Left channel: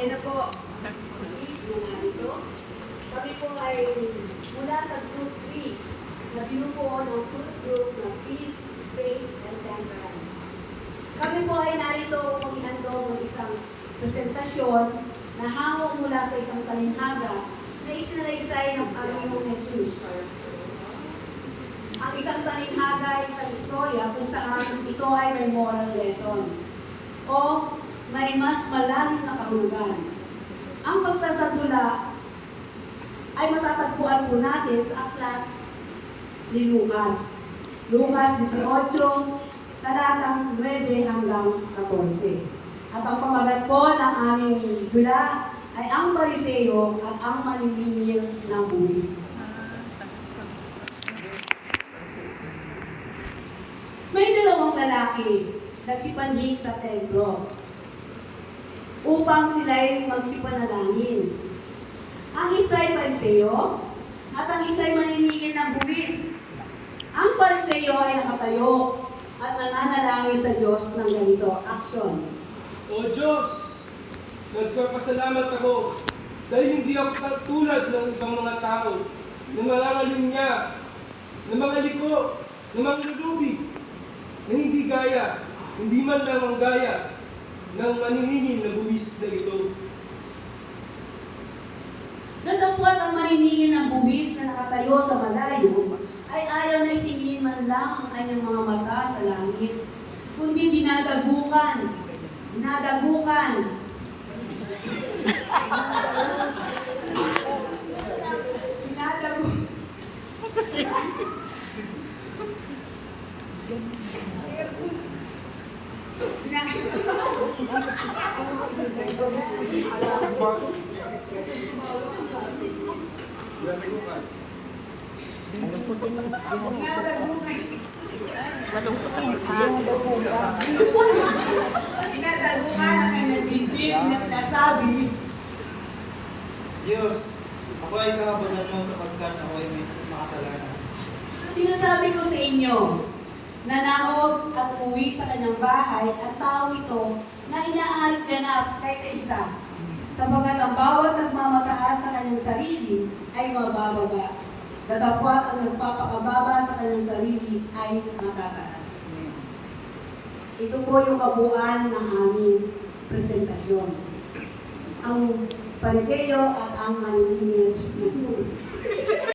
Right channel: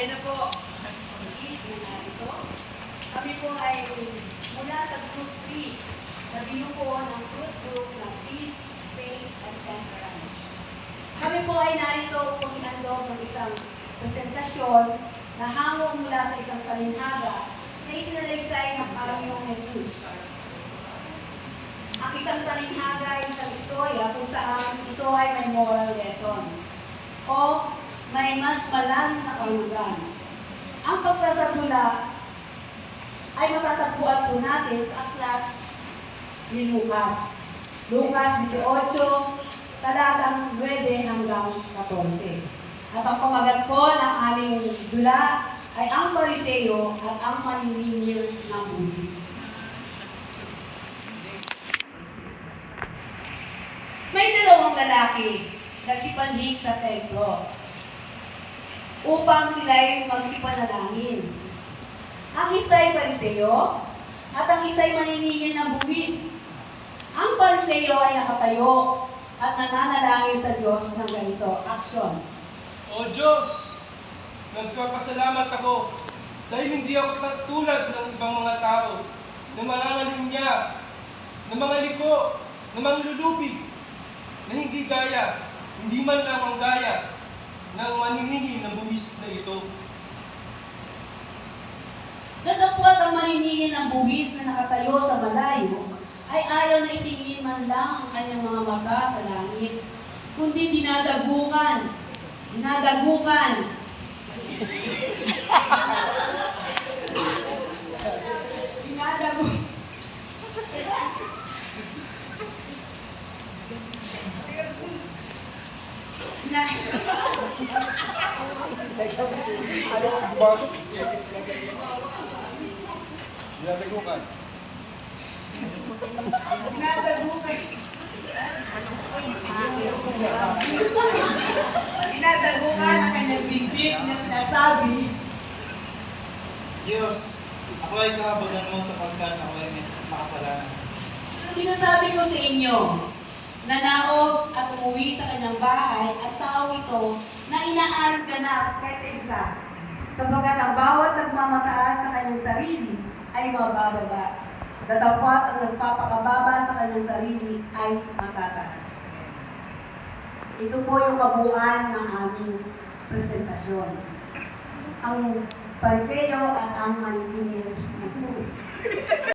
Ayan na po. Ito. Kami po ay mula sa group 3 na binubuo ng fruit group ng Peace, Faith, and Temperance. Kami po ay narito kung ihandog ng isang presentasyon na hango mula sa isang talinhaga kahulugan. Ang pagsasatula ay matatagpuan po natin sa aklat ni Lucas. Lucas 18, talatang 9 hanggang 14. At ang pamagat po ng aming dula ay ang pariseo at ang maniningil ng buwis. May dalawang lalaki nagsipanhig sa templo upang sila'y magsipanalangin. Ang isa'y pariseo at ang isa'y maniningil ng buwis. Ang pariseo ay nakatayo at nananalangin sa Diyos ng ganito, action. O Diyos, nagsapasalamat ako dahil hindi ako tulad ng ibang mga tao na mga ngalinya, na mga liko, na mga lulubi, na hindi gaya, hindi man lang ang gaya ng maniningil ng buwis na ito. Datapwat ang maniningil ng buwis na nakatayo sa malayo ay ayaw na itingin man lang ang kanyang mga mata sa langit, kundi dinadagukan. Dinadagukan. Dinadagu. Dinadagukan ang kanyang dibdib na sinasabi Diyos, ako ay kahabagan mo sapagkat ako ay may makasalanan. Sinasabi ko sa inyo, nanaog at umuwi sa kanyang bahay ang tao ito na inaanap kaysa isa. Sapagat ang bawat nagmamataas sa kanyang sarili ay mabababa. Datapwat ang nagpapakababa sa kanyang sarili ay matataas. Ito po yung kabuuan ng aming presentasyon. Ang pariseo at ang maniningil ng buwis.